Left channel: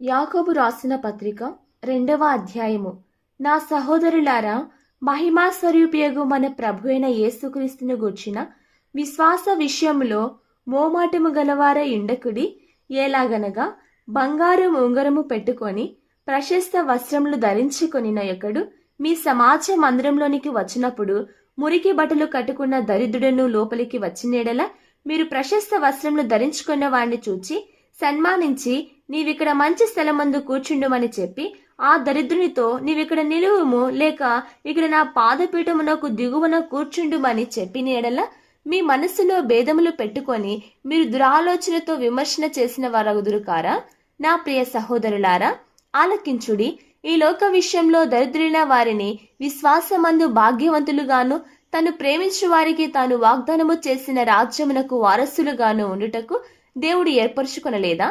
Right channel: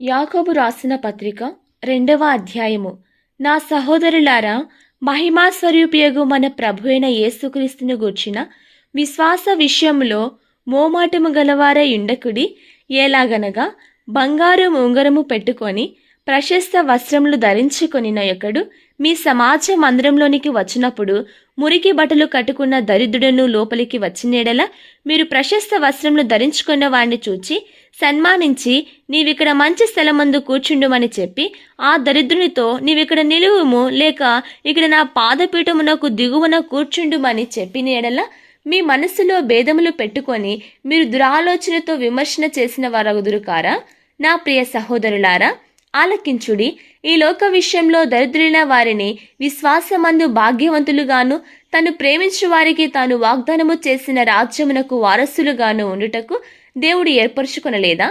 యాకోబు రాసిన పత్రిక రెండవ అధ్యాయము. నా సహోదరులారా మహిమా స్వరూపియగు మన ప్రభు అయిన యేసుక్రీస్తును గూర్చిన విశ్వాస విషయంలో మోమాటము గలవార ఇండకుడి ఎలాగనగా బంగారు ఉంగరము పెట్టుకొని ప్రశస్త వస్త్రములు ధరించుకొనిన యొక్కడు మీ సమాజ మందిరంలోనికి వచ్చినప్పుడు మురికి బట్టలు కట్టుకున్న దరిద్రుడను లోపలికి వచ్చినేడల మీరు ప్రశస్త వస్త్రములు ధరించుకున్న వాడిని చూచి సన్మానించి నీవిక్కడ మంచి స్థలమందు కూర్చుండుమని చెప్పి ఆ దరిద్రునితో నీవిక్కడ నిలువుము లేక ఇక్కడ నా పాదపీఠమునకు దిగువన కూర్చుండుమని చెప్పిన ఎడల మీ మనస్సులో భేదములు పెట్టుకొని మీరు దురాలోచనతో విమర్శన చేసిన వారగుదురు కారా నా ప్రియ సహోదరులారా ఆలకించుడి ఈ లోక విషయంలో దరిద్రులైన వారిని విశ్వాసమందు భాగ్యవంతులుగాను తను ప్రేమించు వారికి తాను వాగ్దానము చేసిన రాజ్యమునకు వారసులుగాను ఉండుటకు దేవుడు ఏర్పరచుకొనలేదా?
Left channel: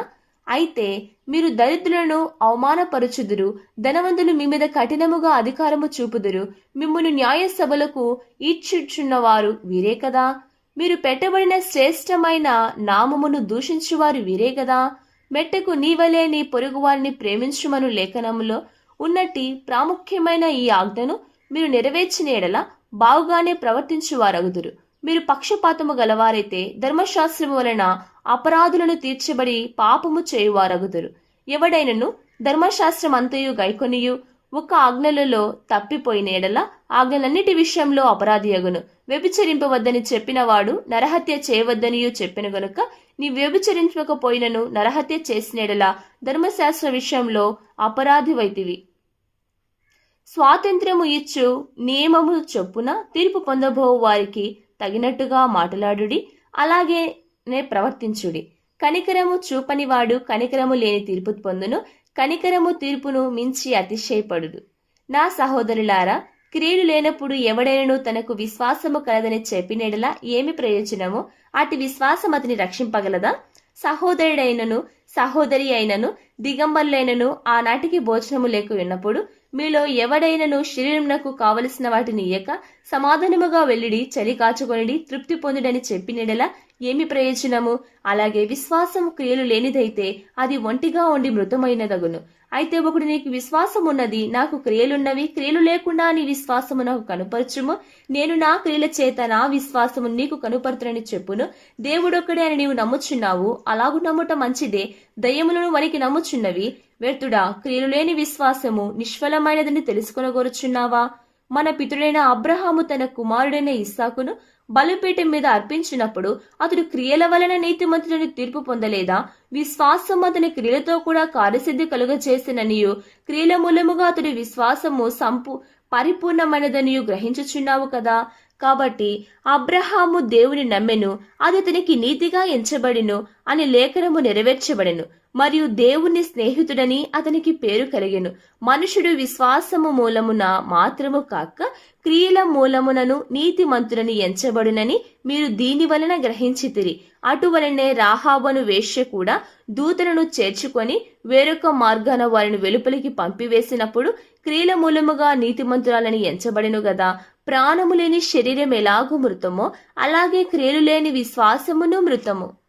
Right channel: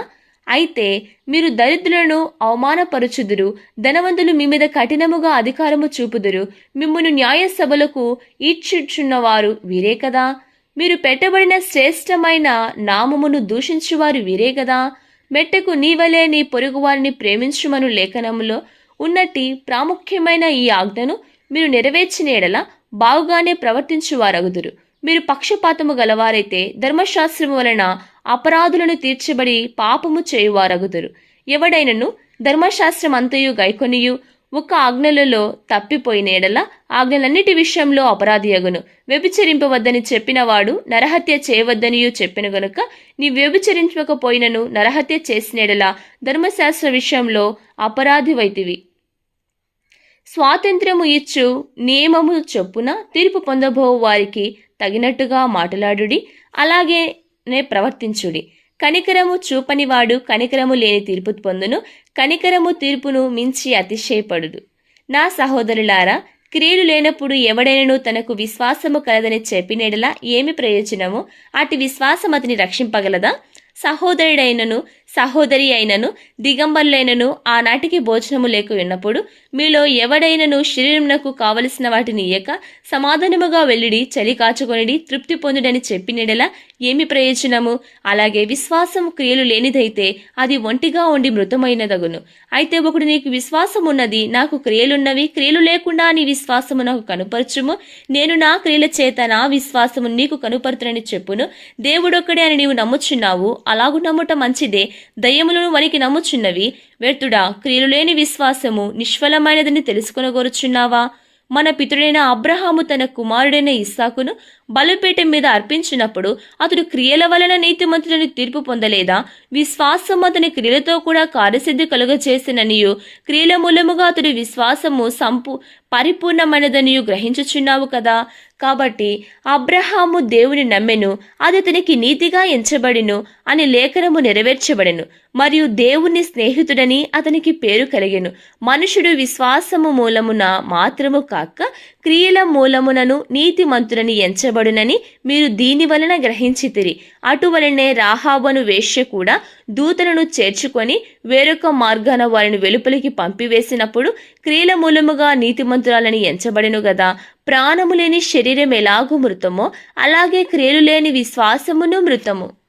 అయితే మీరు దరిద్రులను అవమానపరుచుదురు ధనవంతులు మీ మీద కఠినముగా అధికారము చూపుదురు మిమ్మును న్యాయ సభలకు ఈడ్చుచున్నవారు వీరే కదా? మీరు పెట్టబడిన శ్రేష్టమైన నామమును దూషించువారు వీరే కదా? మెట్టకు నీవలే నీ పొరుగువారిని ప్రేమించుమను లేఖనములో ఉన్నట్టి ప్రాముఖ్యమైన ఈ ఆజ్ఞను మీరు నెరవేర్చిన ఎడల బాగుగానే ప్రవర్తించువారగుదురు. మీరు పక్షపాతము గలవారైతే ధర్మశాస్త్రము వలన అపరాధులను తీర్చబడి పాపము చేయువారగుదురు. ఎవడైనను ధర్మశాస్త్రం అంతయు గైకొనియు ఒక ఆజ్ఞలలో తప్పిపోయిన ఎడల ఆజ్ఞలన్నిటి విషయంలో అపరాధియగును. వ్యభిచరింపవద్దని చెప్పినవాడు నరహత్య చేయవద్దనియు చెప్పిన గనుక నీ వ్యభిచరించకపోయినను నరహత్య చేసినెడల ధర్మశాస్త్ర విషయంలో అపరాధి వైతివి స్వాతంత్ర్యము ఇచ్చు నియమము చొప్పున తీర్పు పొందబో వారికి తగినట్టుగా మాట్లాడుడి అలాగే నే ప్రవర్తించుడి. కనికరము చూపనివాడు కనికరము లేని తీర్పు పొందును కనికరము తీర్పును మించి అతిశయపడుడు నా సహోదరులారా క్రియలు లేనప్పుడు ఎవడైనను తనకు విశ్వాసము కలదని చెప్పినడలా ఏమి ప్రయోజనము? అటు విశ్వాసం అతని రక్షింపగలదా? సహోదరుడైనను సహోదరి అయినను దిగంబరులైనను ఆనాటికి భోజనము లేక ఉన్నప్పుడు మీలో ఎవడైనను శరీరమునకు కావలసిన వాటిని ఇయ్యక సమాధానముగా వెళ్ళిడి చలి కాచుకొనిడి తృప్తి పొందుడని చెప్పినడలా ఏమి ప్రయోజనము? అలాగే విశ్వాసం క్రియలు లేనిదైతే అది ఒంటిగా ఉండి మృతమైనదగును. అయితే ఒకడు నీకు విశ్వాసం ఉన్నది నాకు క్రియలున్నవి క్రియలు లేకుండా నీ విశ్వాసము నాకు కనుపరచుము. నేను నా క్రియల చేత నా విశ్వాసము నీకు కనుపరుతునని చెప్పును. దేవుడొక్కడే అని నీవు నమ్ముచున్నావు అలాగు నమ్ముట మంచిదే. దయ్యములను వనికి నమ్ముచున్నవి. వ్యర్థుడా క్రియలు లేని విశ్వాసము నిష్ఫలమైనదని తెలుసుకొనగోరుచున్నావా? మన పితుడైన అబ్రహాము తన కుమారుడైన ఇస్సాకును బలుపేట మీద అర్పించినప్పుడు అతడు క్రియల వలన నీతిమంతుడని తీర్పు పొందలేదా? విశ్వాసం అతని క్రియలతో కూడా కార్యసిద్ధి కలుగచేసిననియు క్రియల మూలముగా అతడి విశ్వాసము సంపు పరిపూర్ణమైనదనియు గ్రహించుచున్నావు కదా? కాబట్టి అబ్రహాము దేవుని నమ్మెను. అది అతనికి నీతిగా ఎంచబడిను. అని లేఖనము నెరవేర్చబడెను. మరియు దేవుని స్నేహితుడని అతనికి పేరు కలిగెను. మనుషుడు విశ్వాసము మూలమున మాత్రము కాక క్రియల మూలమునను నీతిమంతుడని ఎంచబడునని మీరు దీని వలన గ్రహించితిరి. అటువలనే రాహాబను వేష్య కూడా దూతలను చేర్చుకొని వేరొక మార్గాన వారిని వెలుపలికి పంపివేసినప్పుడు క్రియల మూలముగా నీతిమంతురాలని ఎంచబడెను గదా. ప్రాణము లేని శరీరం ఎలాగూ మృతమో అలాగే క్రియలు లేని విశ్వాసమును మృతము.